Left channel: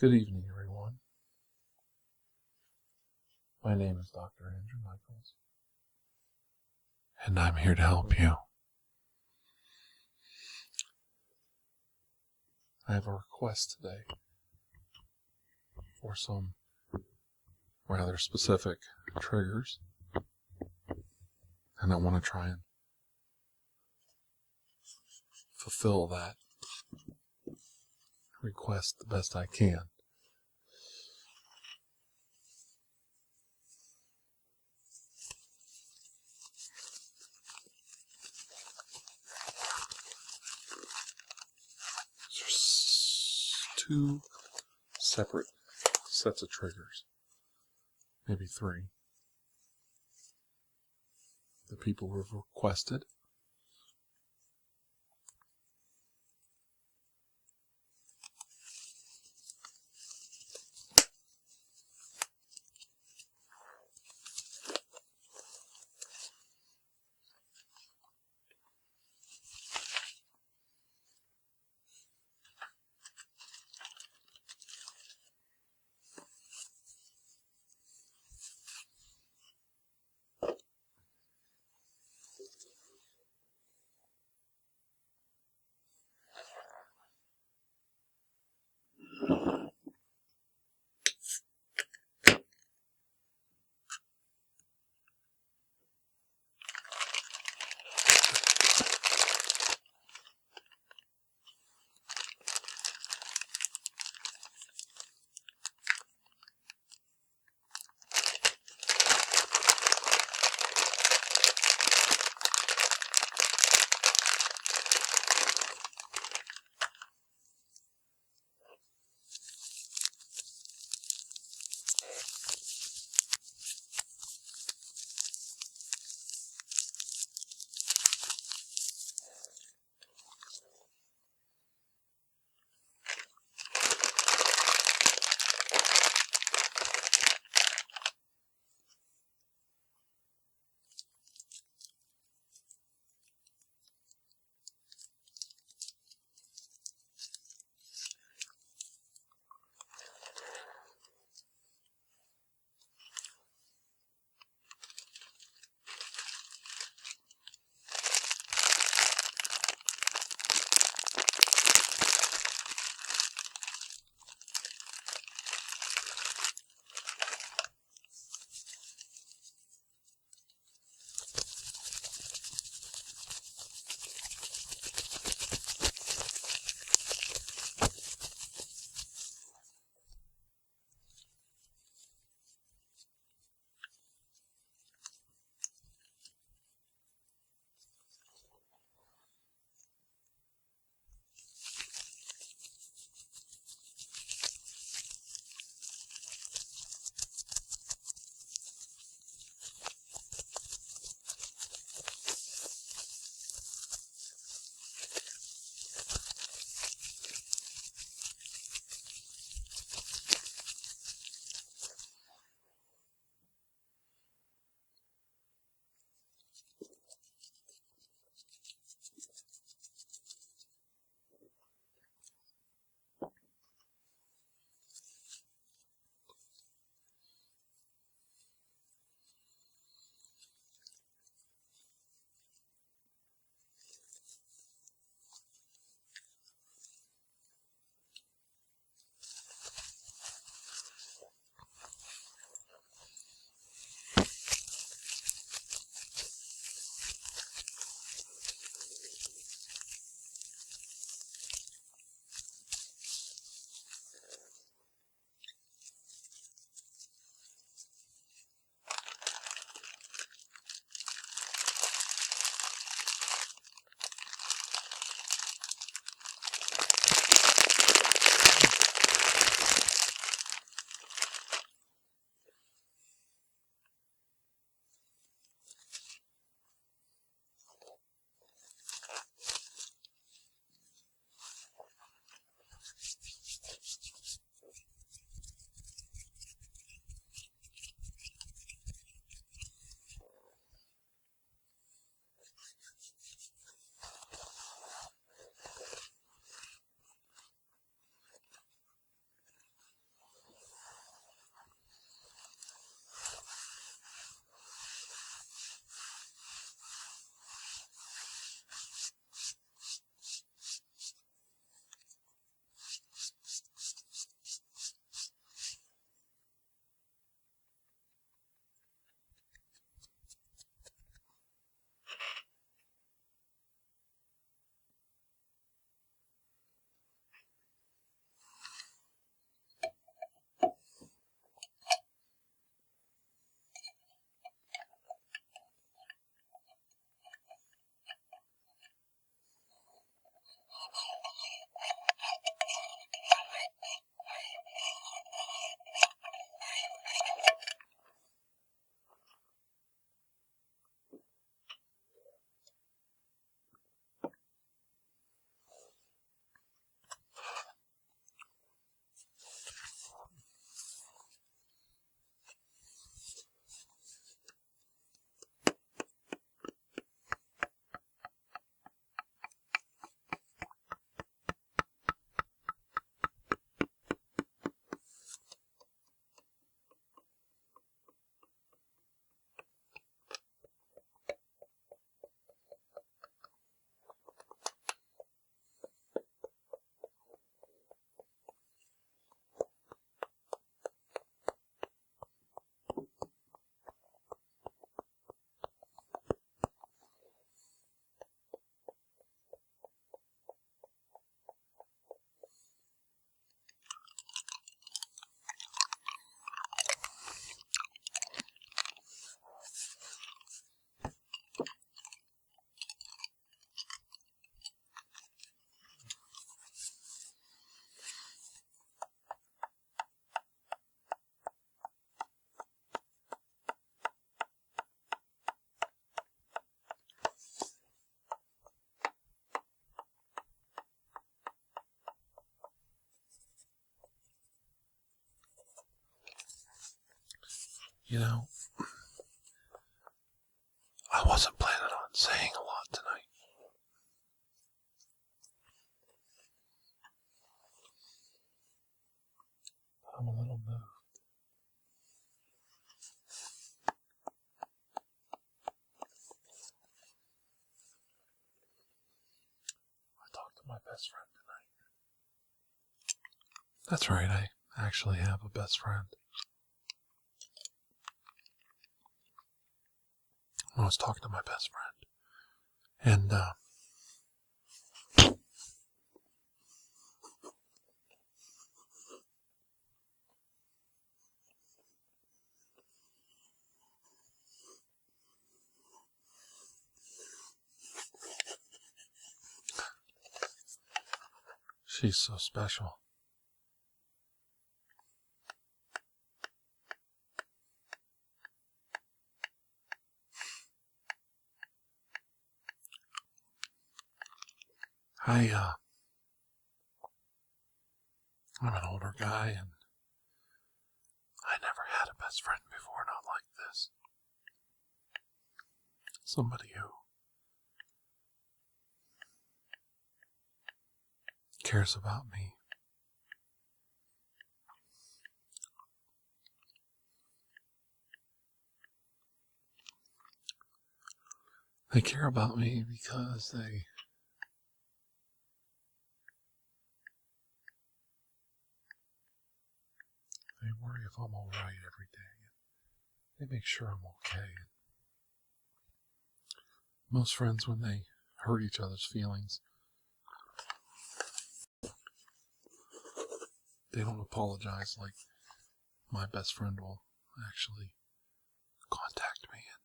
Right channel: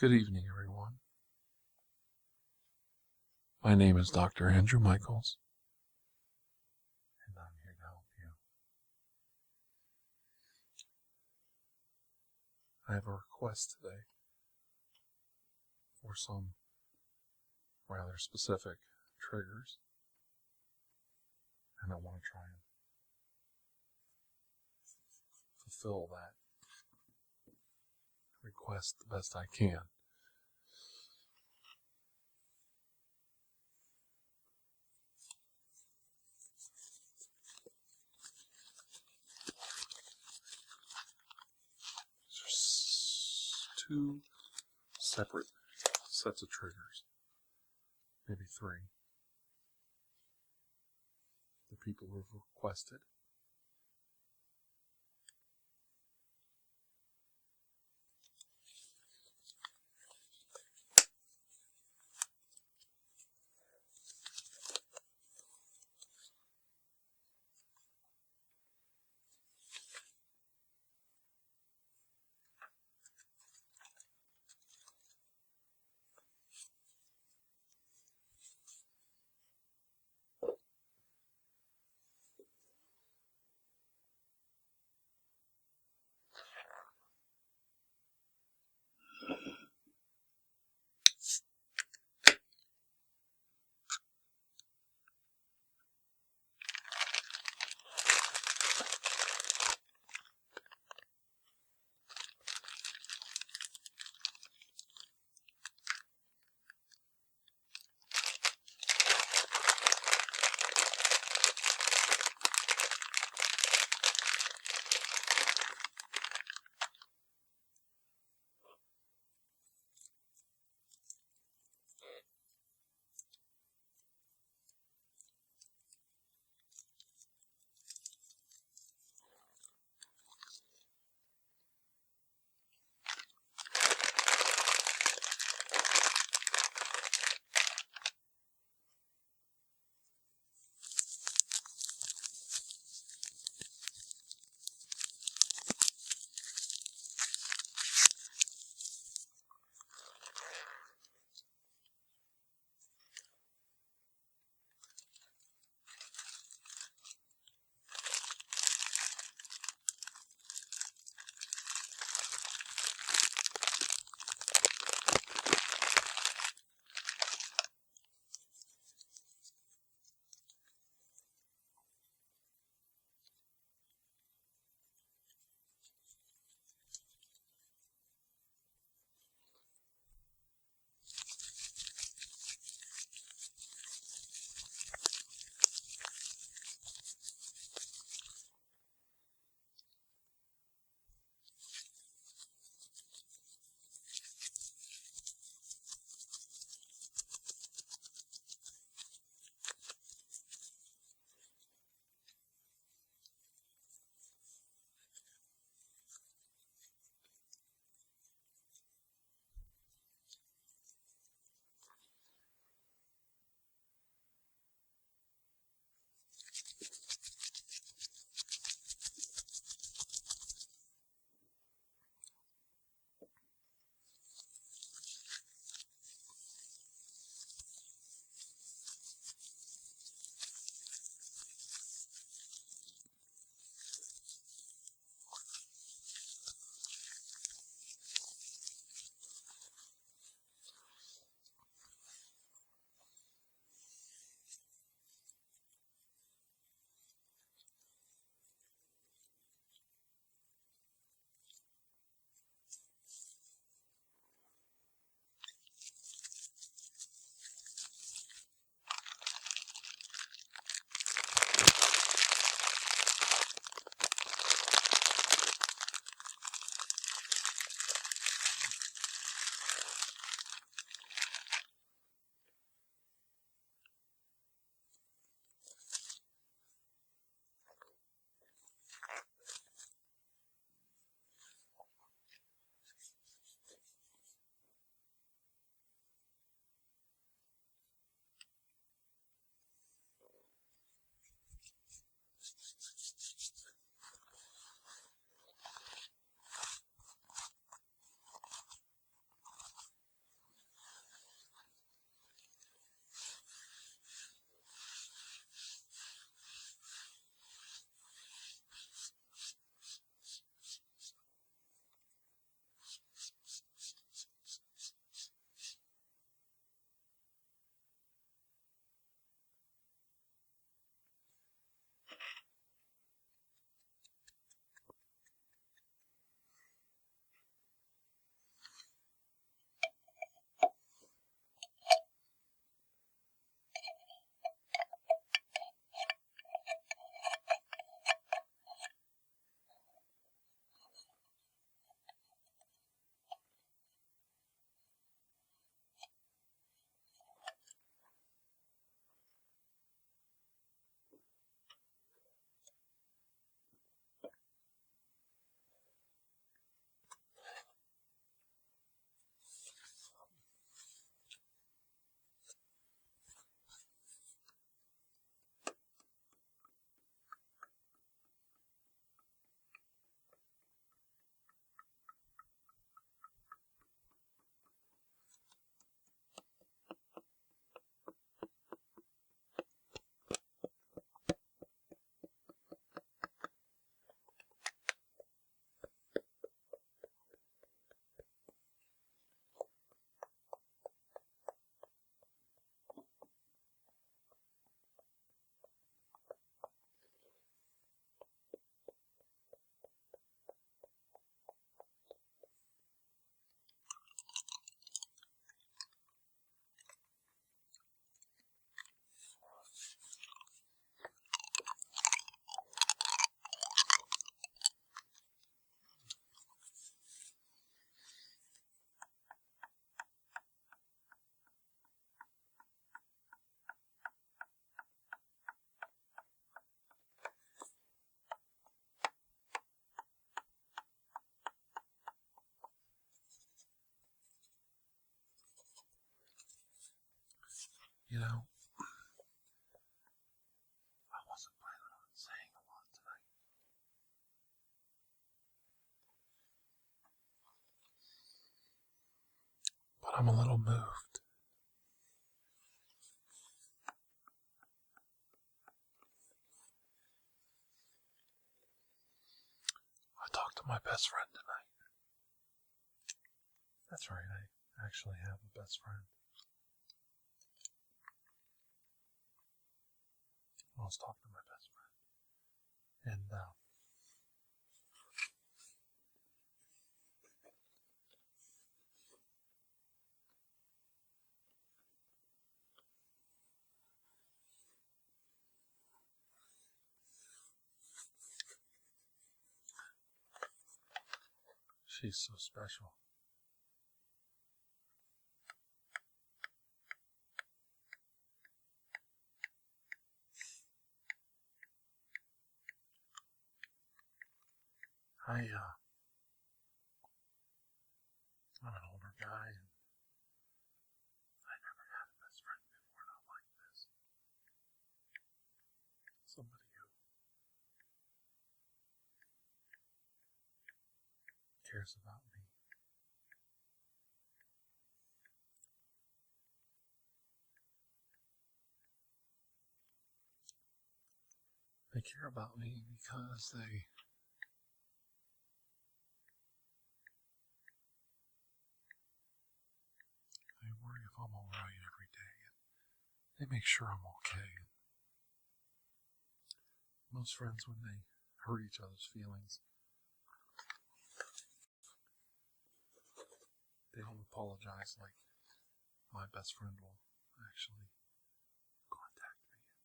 Good evening, everyone. My name is Dr. Andrew Michaels, and I'm here to help you. I have a request today for some rather specific triggers, and I want to try and fulfill that request the best I can. There's two separate sets of triggers, maybe three. The people who have requested. You know, I wasn't planning on saying a lot tonight. But I'm a little moved. I talked to my best friend tonight. That's right, I actually have a best friend. I was talking to my best friend. And, she's so special. I'm an older guy, and I never had a best friend before, not like this. Somebody who cares about me. They care about me because they worry if I'm all right every day. They make sure I'm okay. Most friends, when they hurt each other's feelings, they don't apologize like my best friend will actually contact me and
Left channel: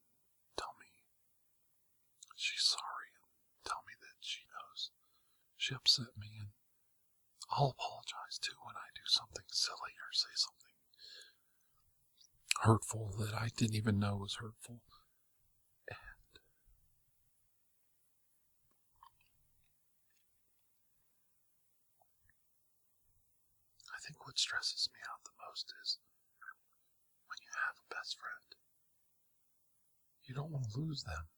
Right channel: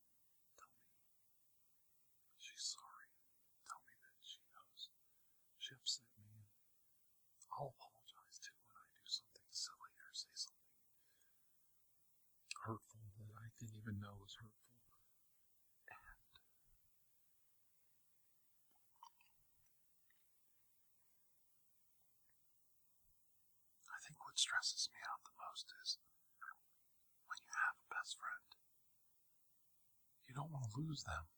tell me she's sorry and tell me that she knows she upset me, and I'll apologize too when I do something silly or say something hurtful that I didn't even know was hurtful. And I think what stresses me out the most is when you have a best friend, you don't want to lose them.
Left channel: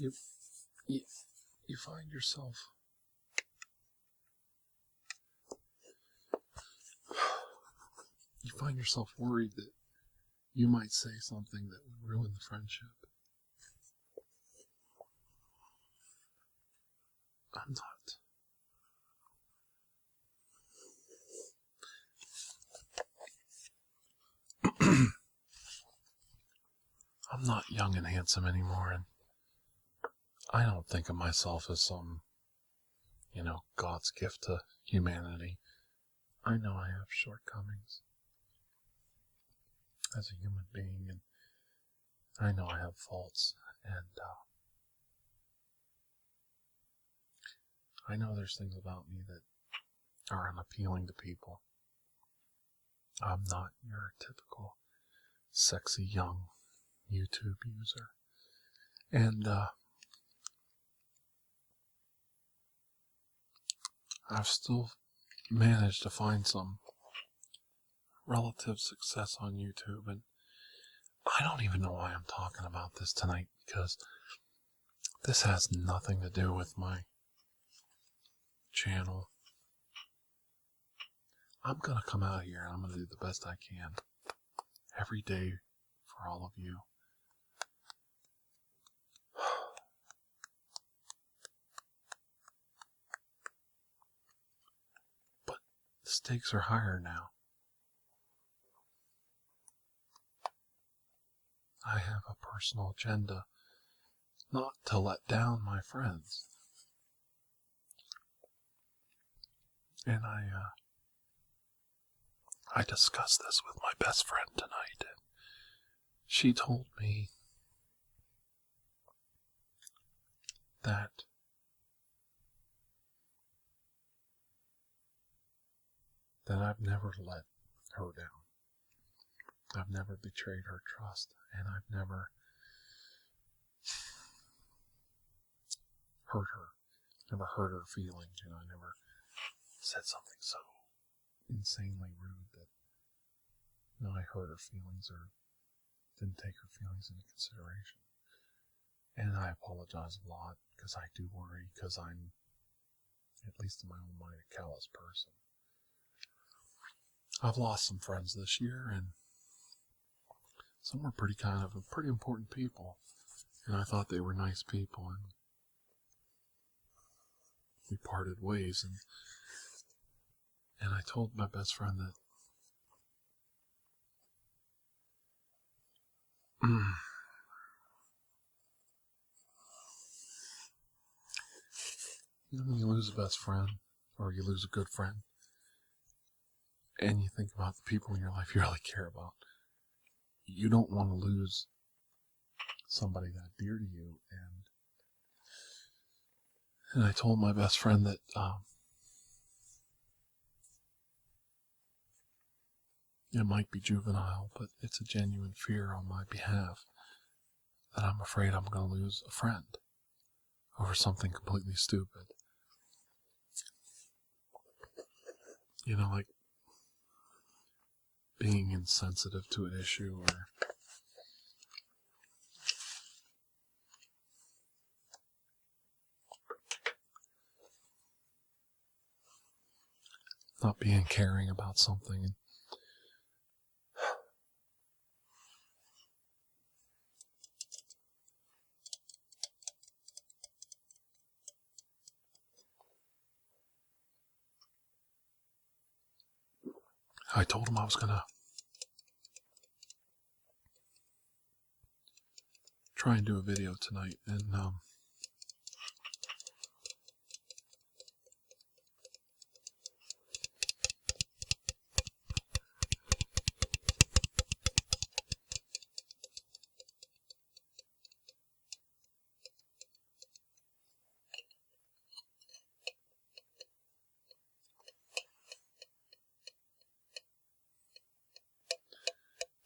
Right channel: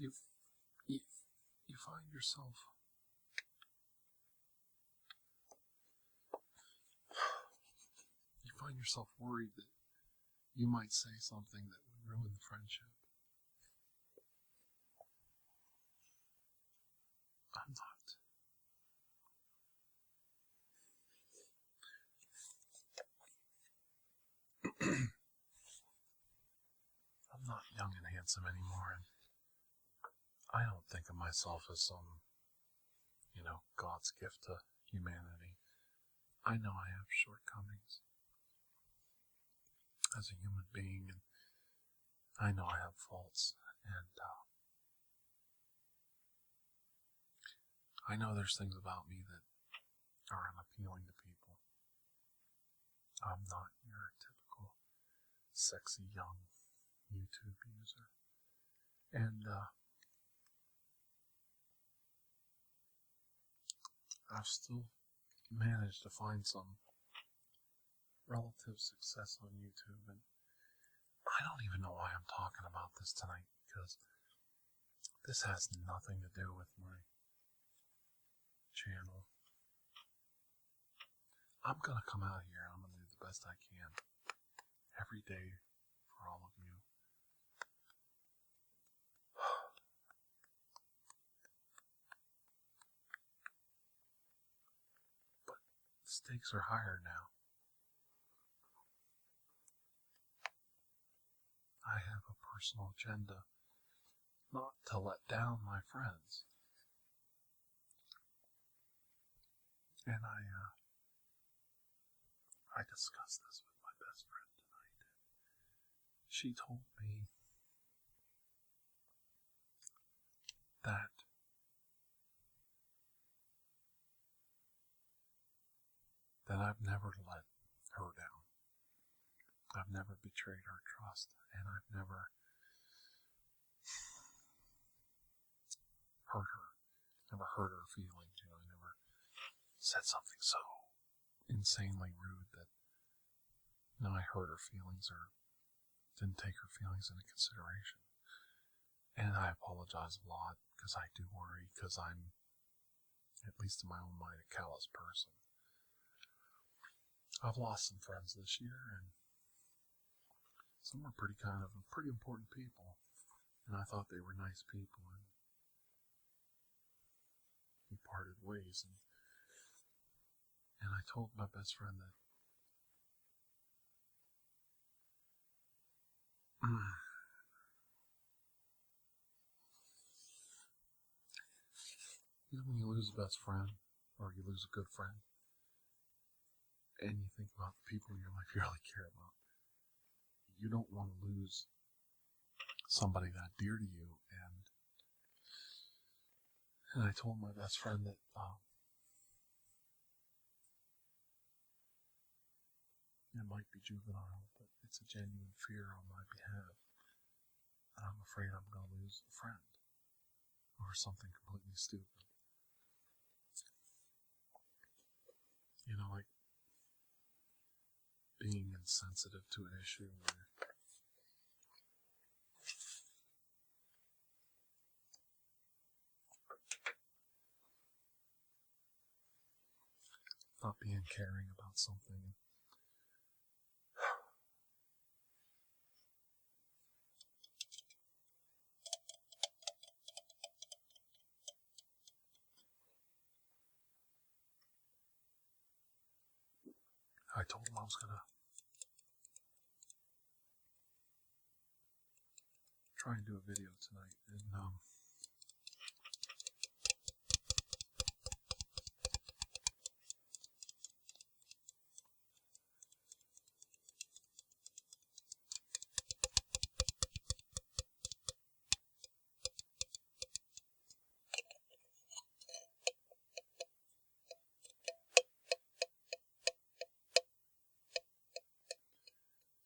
You find yourself worried that you might say something that would ruin the friendship. I'm not young and handsome anymore, and I don't think of myself as some, God's gift to humanity. I know I have shortcomings as a human being, and I know I have faults, and I know there's things about me that are unappealing to people. I'm not your typical sexy young YouTube user. And I've still managed to find some relative success on YouTube, and I don't even know why I'm talking about this tonight, because this has nothing to do with my channel. I'm going to come out here and I'm going to do the best I can every day for all of you. But the stakes are higher now. I have a personal agenda, not to let down my friends. And I discussed this with my best friend tonight, and she told me that I've never let her down. I've never betrayed her trust, and I've never hurt her feelings. I never said something so insanely rude that, I hurt her feelings or didn't take her feelings into consideration. And I apologize a lot because I do worry, because I'm, at least in my own mind, a callous person. I've lost some friends this year, and some were pretty important people, and I thought they were nice people, and we parted ways, and I told my best friend that when you lose a best friend, or you lose a good friend, and you think about the people in your life you really care about, you don't want to lose somebody that dear to you. And I told my best friend that it might be juvenile, but it's a genuine fear on my behalf, that I'm afraid I'm going to lose a friend over something completely stupid. Like being insensitive to an issue, or not being caring about something. I told him I was going to try and do a video tonight, and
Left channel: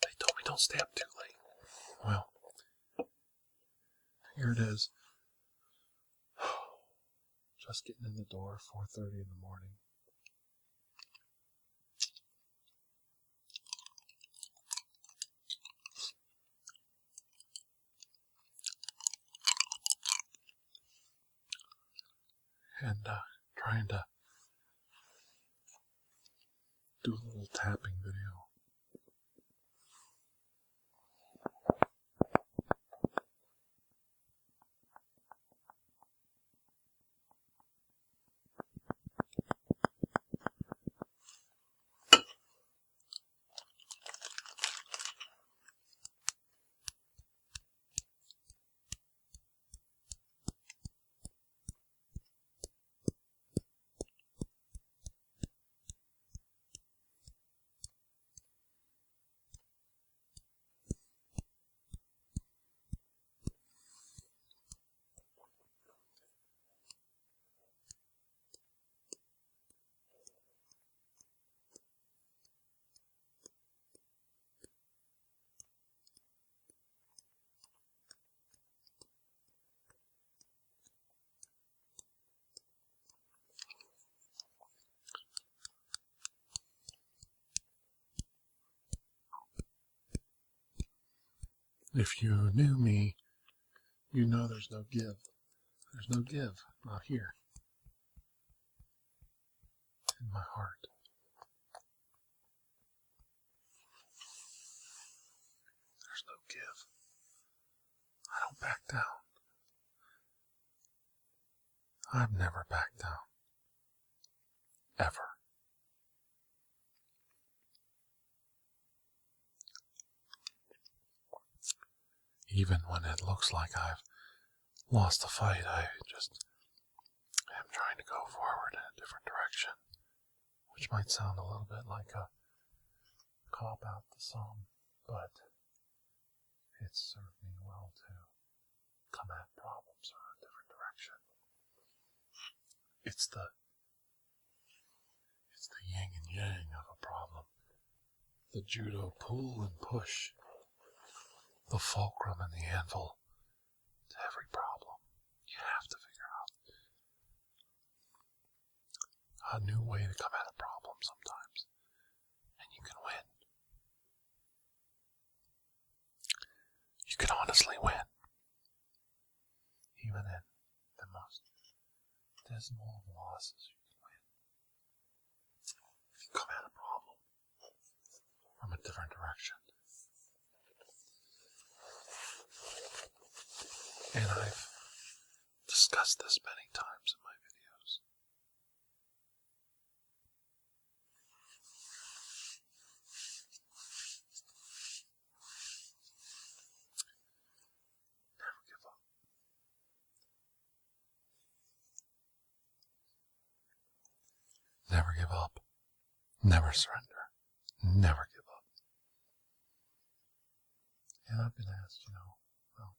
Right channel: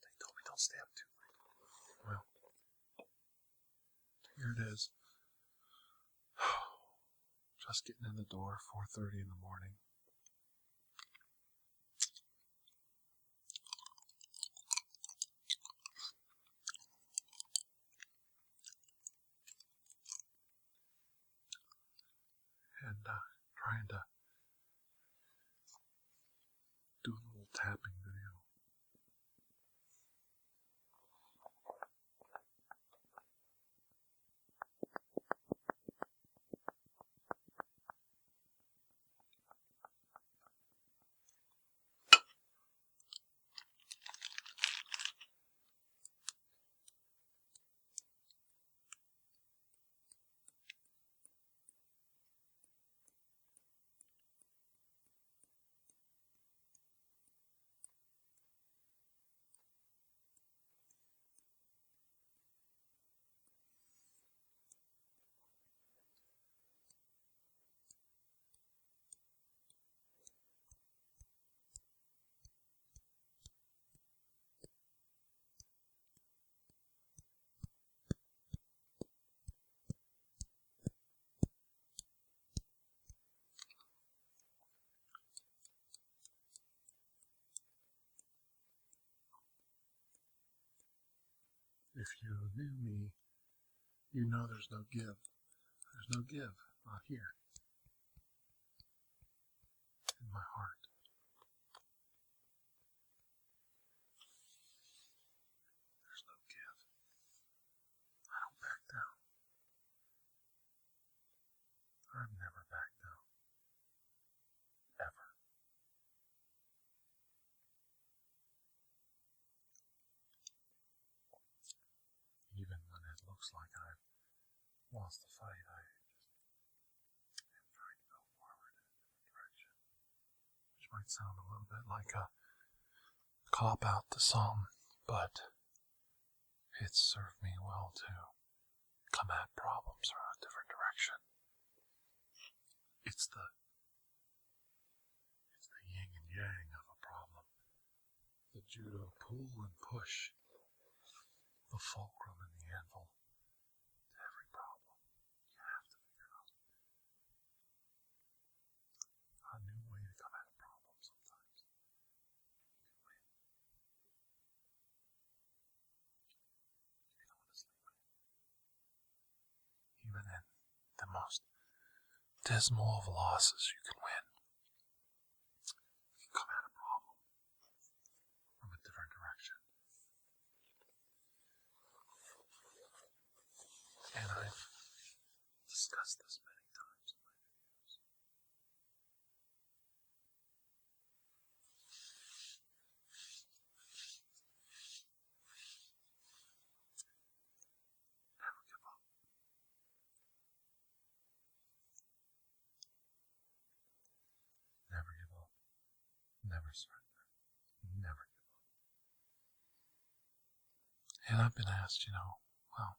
they told me don't stay up too late. Well, here it is. Just getting in the door, 4:30 in the morning. And trying to do a little tapping video. If you knew me, you know there's no give. There's no give, not here. In my heart. There's no give. I don't back down. I've never backed down. Ever. Even when it looks like I've lost the fight, I just am trying to go forward in a different direction, which might sound a little bit like a cop-out to some, but it's served me well to come at problems from a different direction. It's the yin and yang of a problem. The judo pull and push. The fulcrum and the anvil to every problem. You have to figure out a new way to come at a problem sometimes. even in the most dismal of losses, you can win. If you come at a problem from a different direction. And I've discussed this many times in my videos. Never give up. Never give up. Never surrender. Never give up. And I've been asked, well,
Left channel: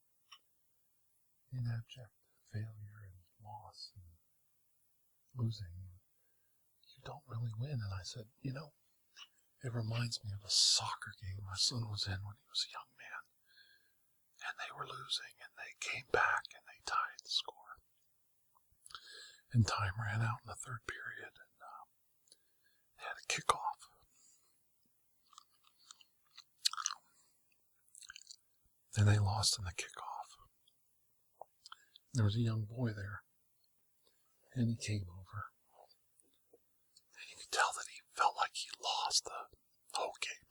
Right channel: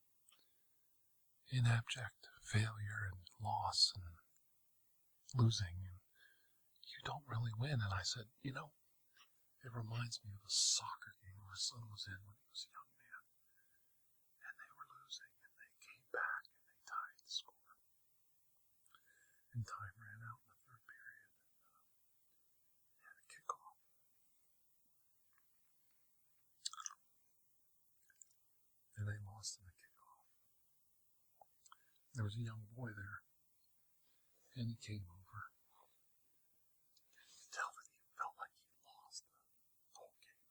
in abject failure and loss and losing, you don't really win. And I said, it reminds me of a soccer game my son was in when he was a young man. And they were losing, and they came back, and they tied the score. And time ran out in the third period, and they had a kickoff. And they lost in the kickoff. There was a young boy there, and he came over, and you could tell that he felt like he lost the whole game.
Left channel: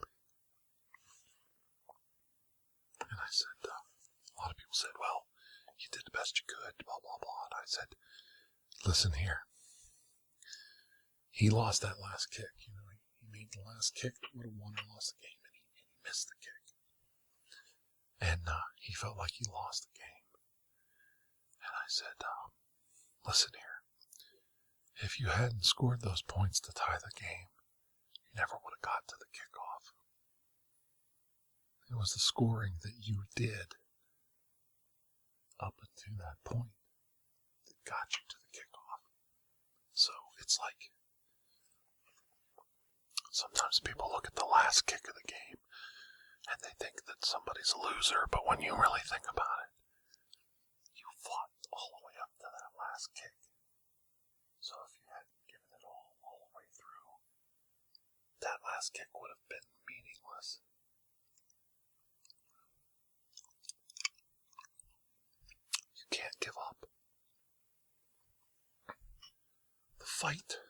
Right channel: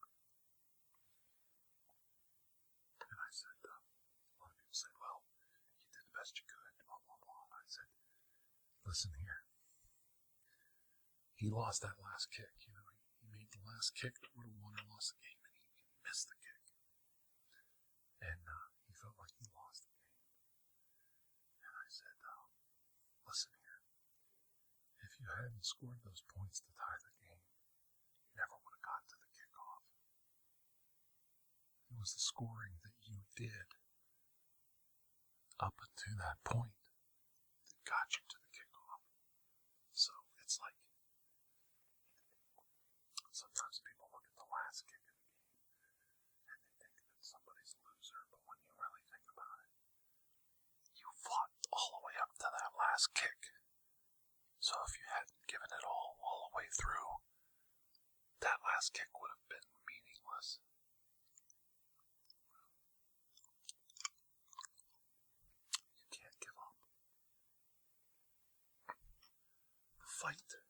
And I said, a lot of people said, well, you did the best you could, blah, blah, blah. And I said, listen here. He lost that last kick. He made the last kick that would have won or lost the game, and he missed the kick. And he felt like he lost the game. And I said, listen here. If you hadn't scored those points to tie the game, you never would have got to the kickoff. It was the scoring that you did up to that point that got you to the kickoff. So it's like sometimes people look at the last kick of the game and they think that somebody's a loser, but when you really think about it, you fought all the way up to that last kick. So if you hadn't given it all the way through, that last kick would have been meaningless. You can't give up. The fight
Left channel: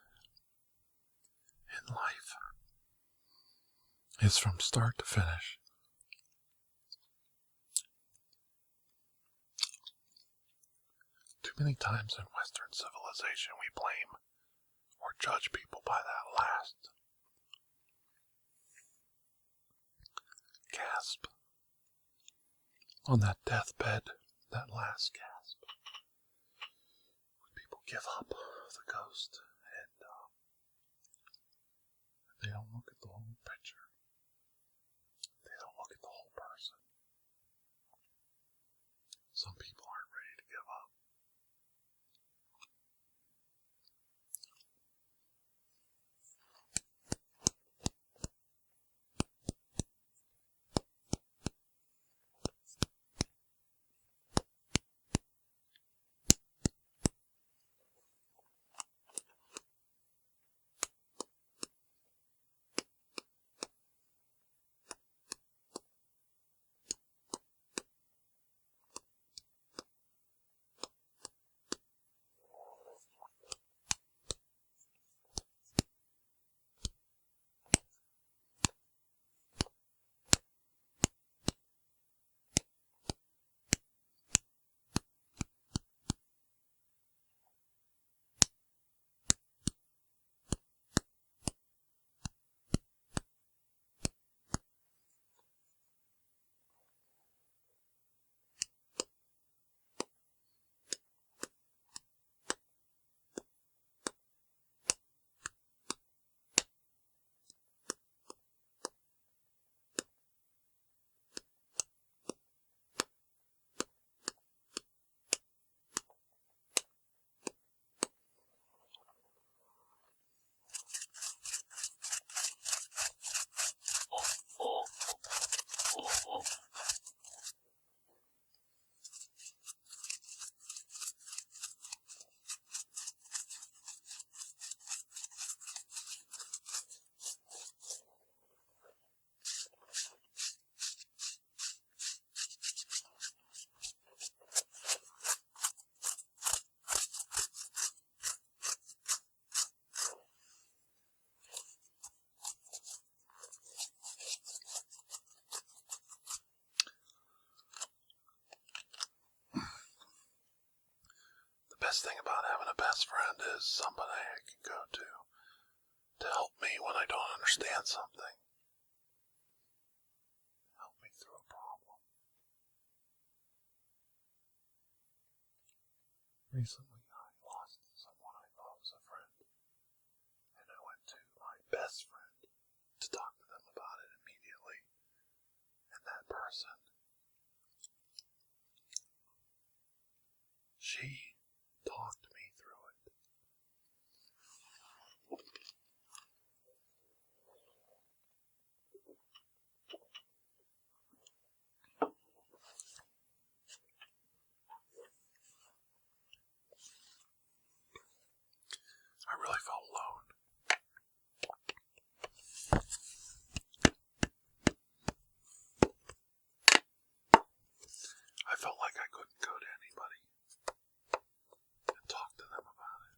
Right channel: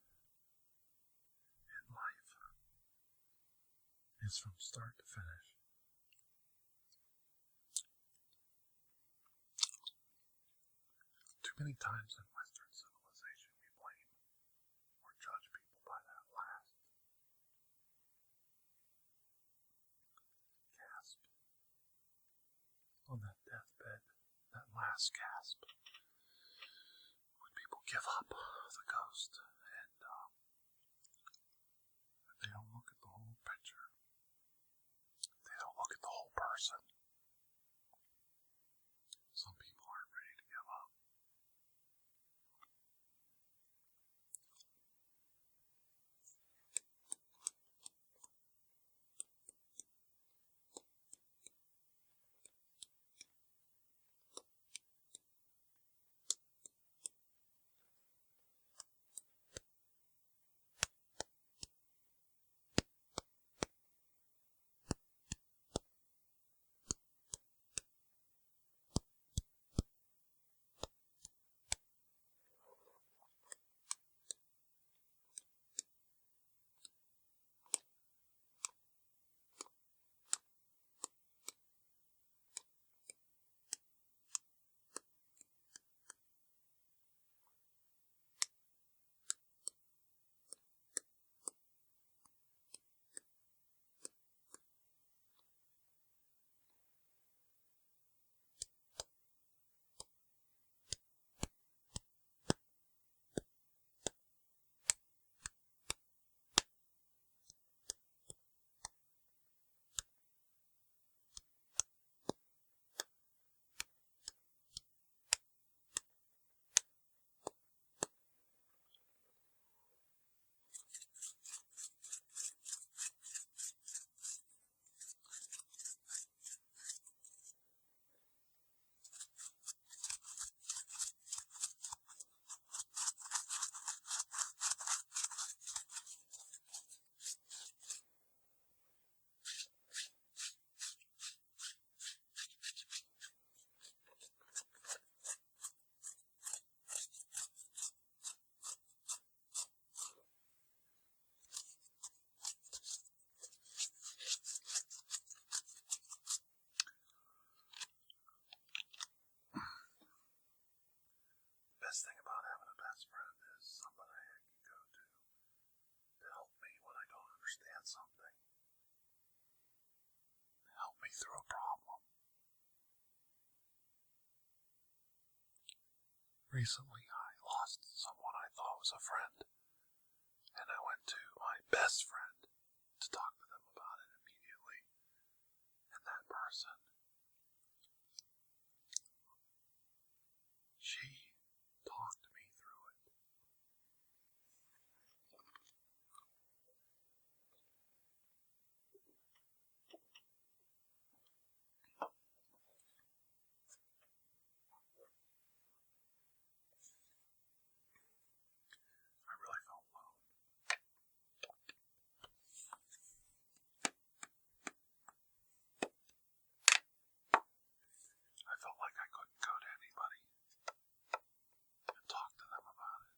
in life is from start to finish. Too many times in Western civilization we blame or judge people by that last gasp. On that deathbed, that last gasp. When people give up the ghost and they don't look at the whole picture. They don't look at the whole person. Some people aren't ready to give up. best thing about having a best friend is somebody I can go to help me when I don't understand something. Help me through a problem. Recently, I lost someone I thought was a friend, and I went to my best friend to talk to them about it immediately. And that person, she talked me through it. I really felt alone. I felt like I couldn't go to anybody and talk to them about it.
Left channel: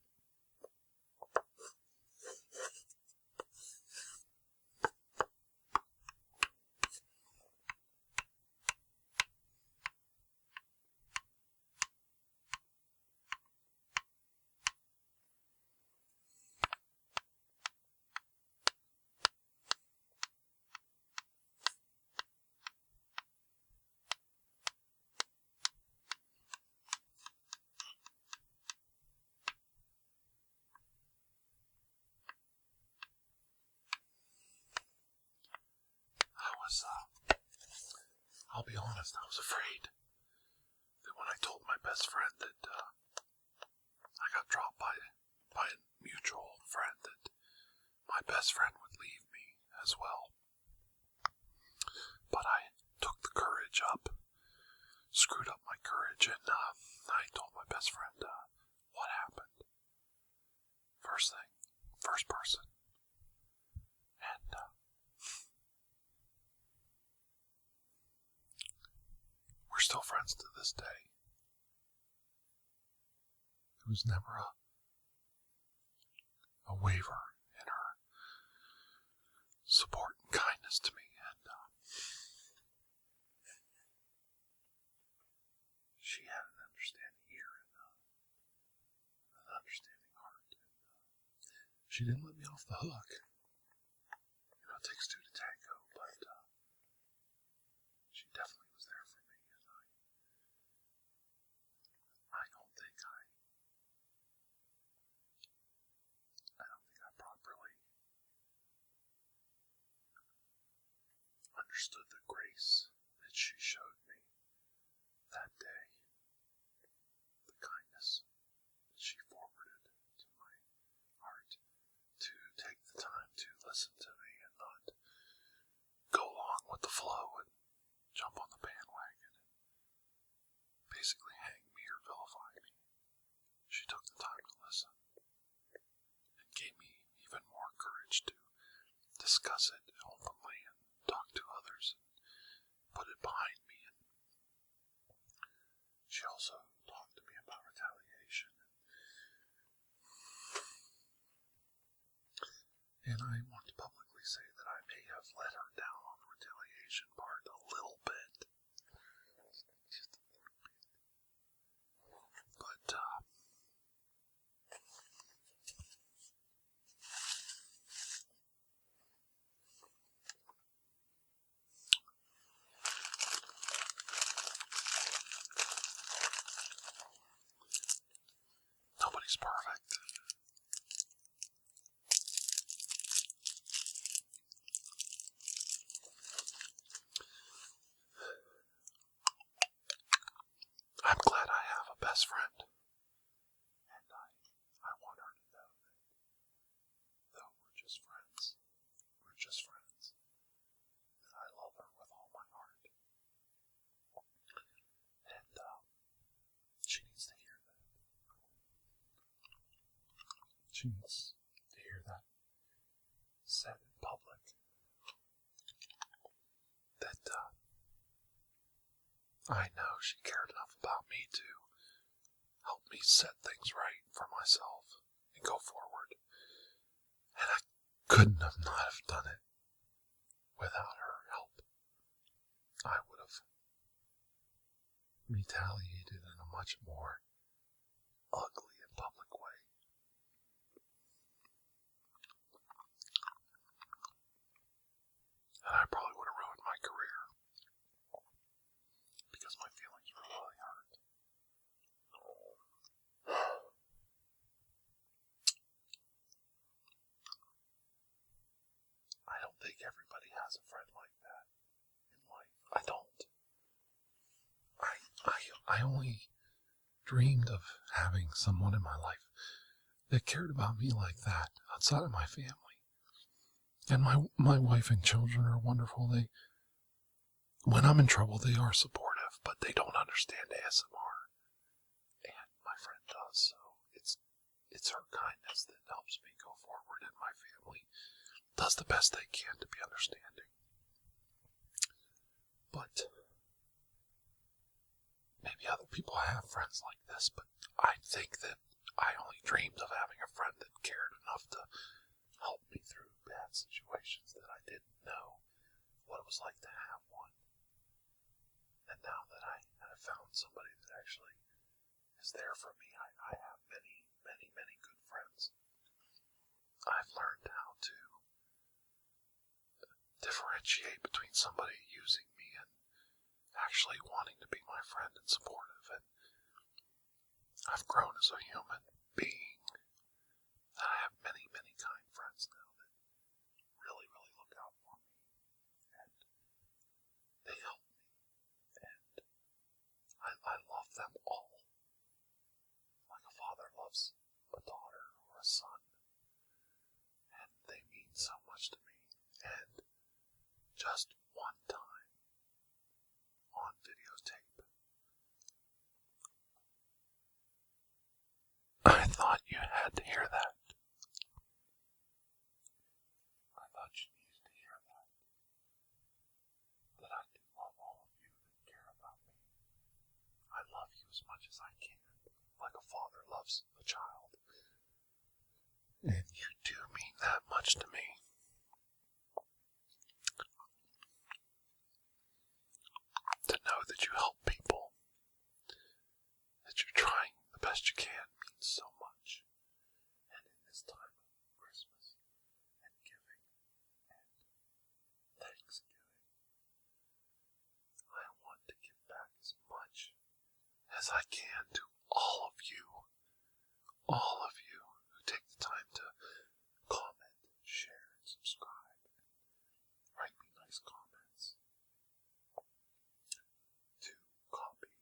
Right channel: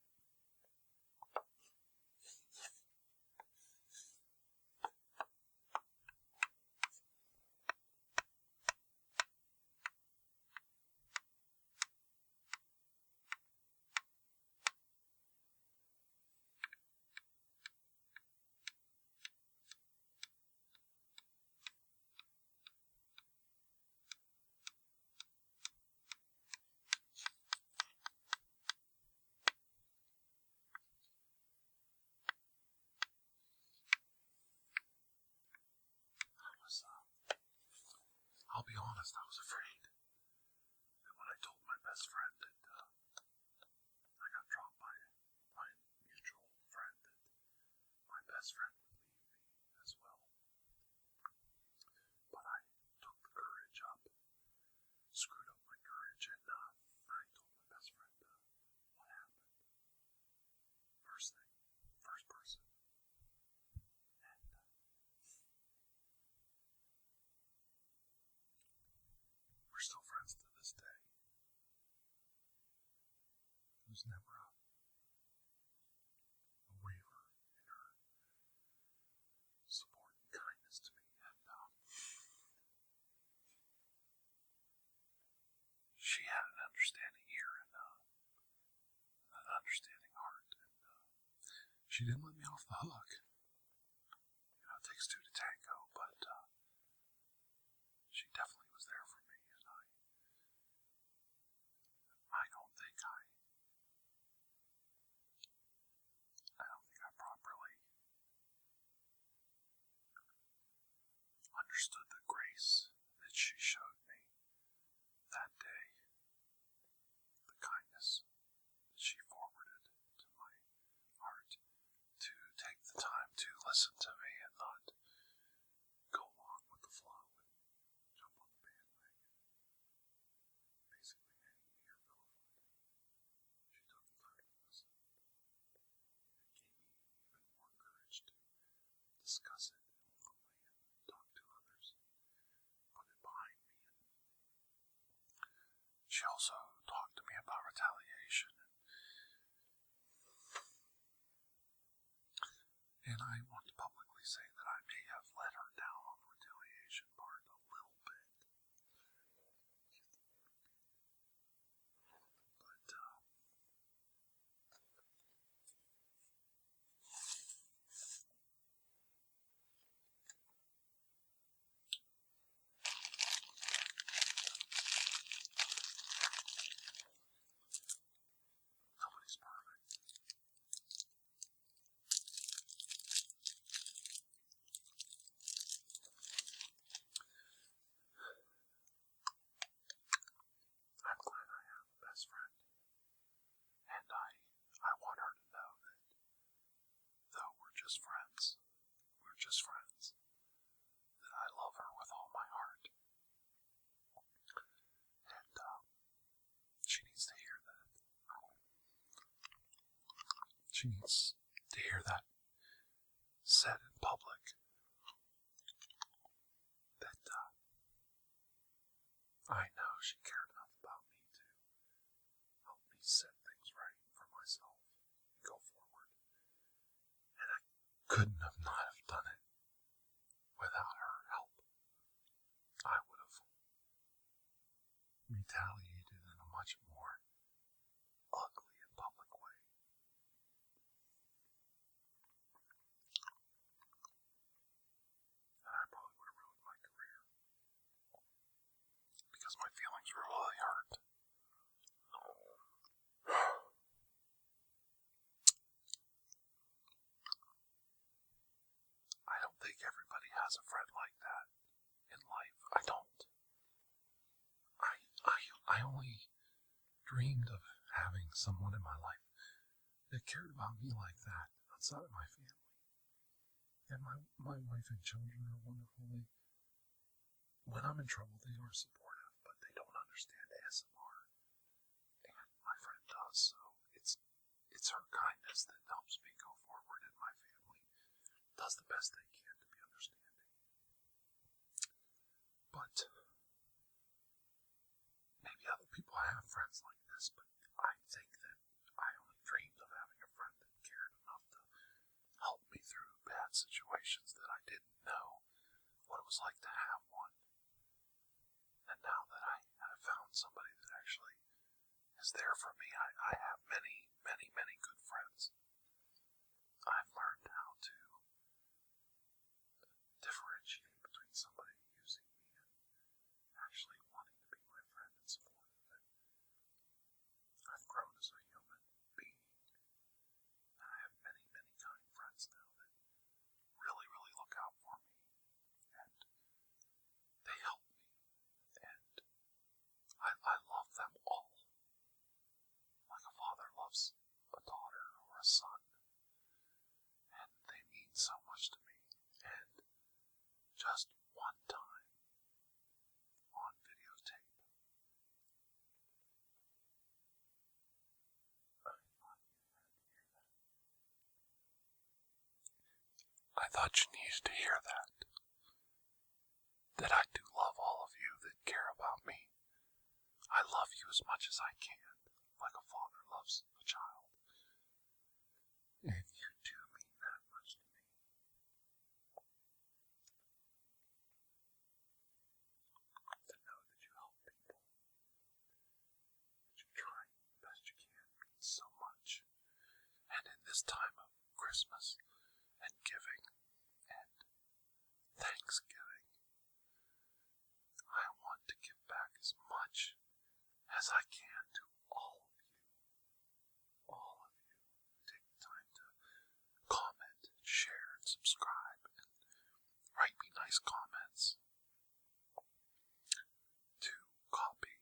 I'll be honest, I was afraid that when I told my best friend that I got dropped by a mutual friend, that my best friend would leave me as well. But I took the courage up, screwed up my courage, and I told my best friend what happened. First person. And we're still friends to this day. There was never a waiver in her support and kindness to me, and she had an understanding ear and an understanding heart, and she didn't let me off the hook. It takes two to tango, but she definitely was there for me, and I don't think I properly understood the grace that she showed me that day, the kindness that she forwarded to my heart, to take the time to listen to me and not go along with the flow and jump on the bandwagon and basically hang me or vilify me. She took the time to listen and gave me even more courage to discuss it openly and talk to others and put it behind me. And she also talked to me about retaliation. And I want to publicly say that I may have let her down on the retaliation part a little bit. But, nobody's perfect. I'm glad I have a best friend, and I want her to know that though we're just friends, that I love her with all my heart. And she needs to hear that. She needs to hear that said in public, that I know she cared enough about me to help me set things right for myself and go forward. And I couldn't have not have done it without her help. I would have retaliated in a much more ugly and public way. And I probably would have ruined my career because my feelings were really hurt. I don't think everybody has a friend like that in life. I don't. I only dreamed of having someone in my life that cared about me like that outside of my family. And my wife and children are wonderful. When I'm in trouble, they are supportive, but they don't understand ASMR. And my friend does, so it's her kindness that helps me go forward, and my family does the best they can to be understanding. But maybe other people have friends like this, but I think that I only dreamed of having a friend that cared enough to help me through bad situations that I didn't know what it was like to have one. And now that I have found somebody that actually is there for me, I have many, many, many good friends. I've learned how to differentiate between somebody using me and actually wanting to be my friend and supportive. And I've grown as a human being. I have many, many kind friends now that really, really look out for me. And they help me. And I love them all. Like a father loves a daughter or a son. And they mean so much to me. And just one time on videotape, I thought you had to hear that. I thought you needed to hear that. That I do love all of you that care about me. I love you as much as I can, like a father loves a child. And you do mean that much to me. To know that you help people, that you're trying the best you can, means so much. And in this time of Christmas and giving and Thanksgiving, I want to give back as much as I can to all of you who take the time to comment, share, and subscribe, and write me nice comments, to copy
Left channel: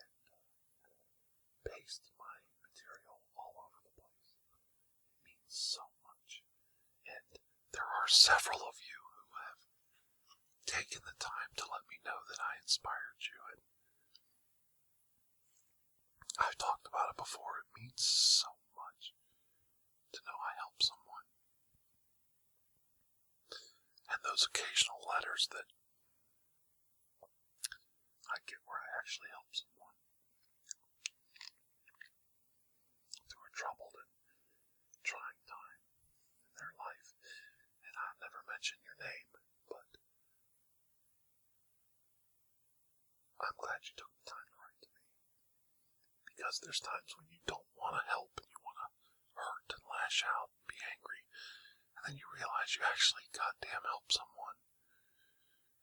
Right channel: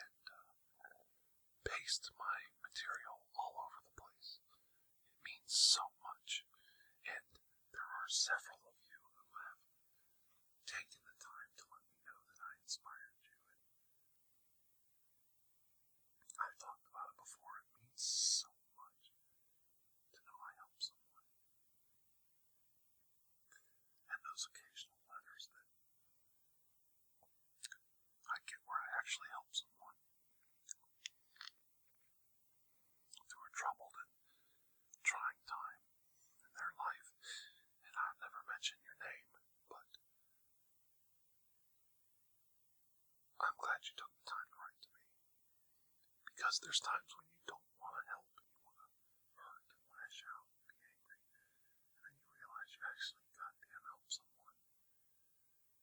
and paste my material all over the place. It means so much, and there are several of you who have taken the time to let me know that I inspired you, and I've talked about it before. It means so much to know I helped someone. And those occasional letters that I get where I actually help someone through a troubled and trying time in their life. And I'll never mention your name, but I'm glad you took the time to write to me. Because there's times when you don't want to help and you want to hurt and lash out and be angry. And then you realize you actually goddamn helped someone.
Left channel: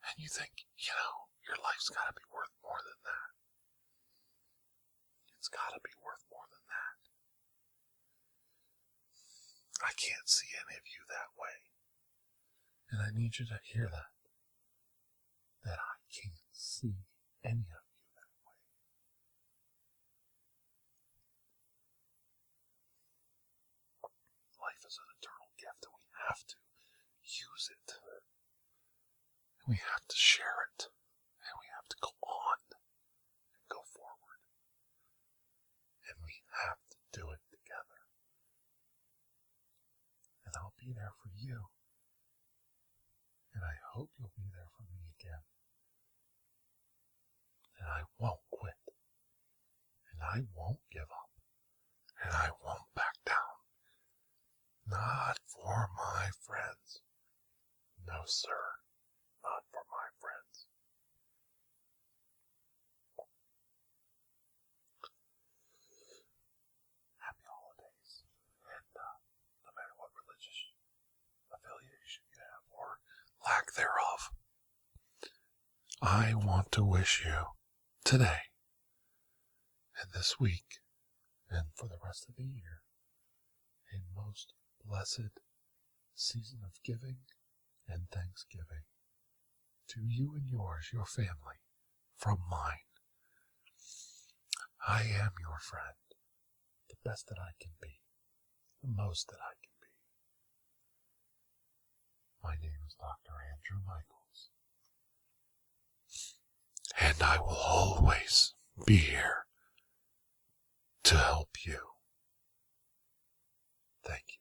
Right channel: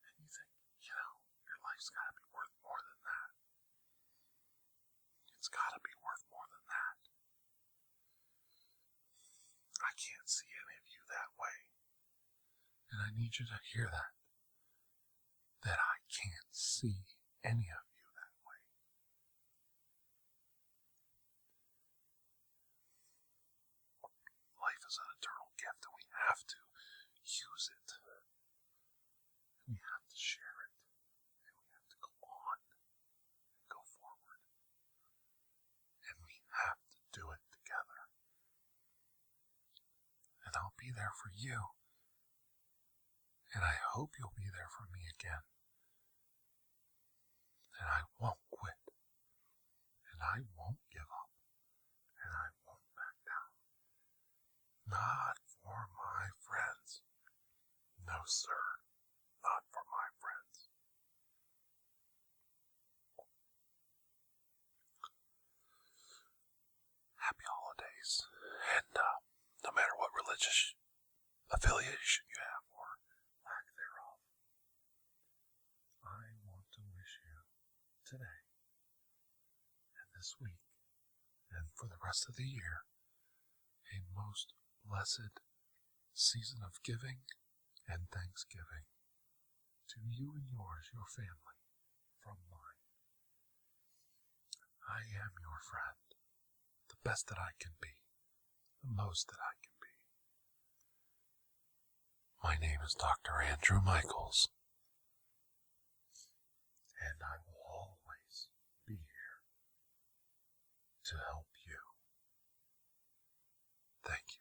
And you think, your life's got to be worth more than that. It's got to be worth more than that. I can't see any of you that way. And I need you to hear that. That I can't see any of you that way. Life is an eternal gift and we have to use it. We have to share it. And we have to go on and go forward. And we have to do it together. And I'll be there for you. And I hope you'll be there for me again. And I won't quit. And I won't give up. And I won't back down. Not for my friends. No, sir. Not for my friends. affiliation you have or lack thereof. I want to wish you today and this week and for the rest of the year a most blessed season of giving and thanksgiving to you and yours, your family, from mine. I am your friend, the best that I can be, the most that I can be. My name is Dr. Andrew Michaels, and I will always be here to help you. Thank you.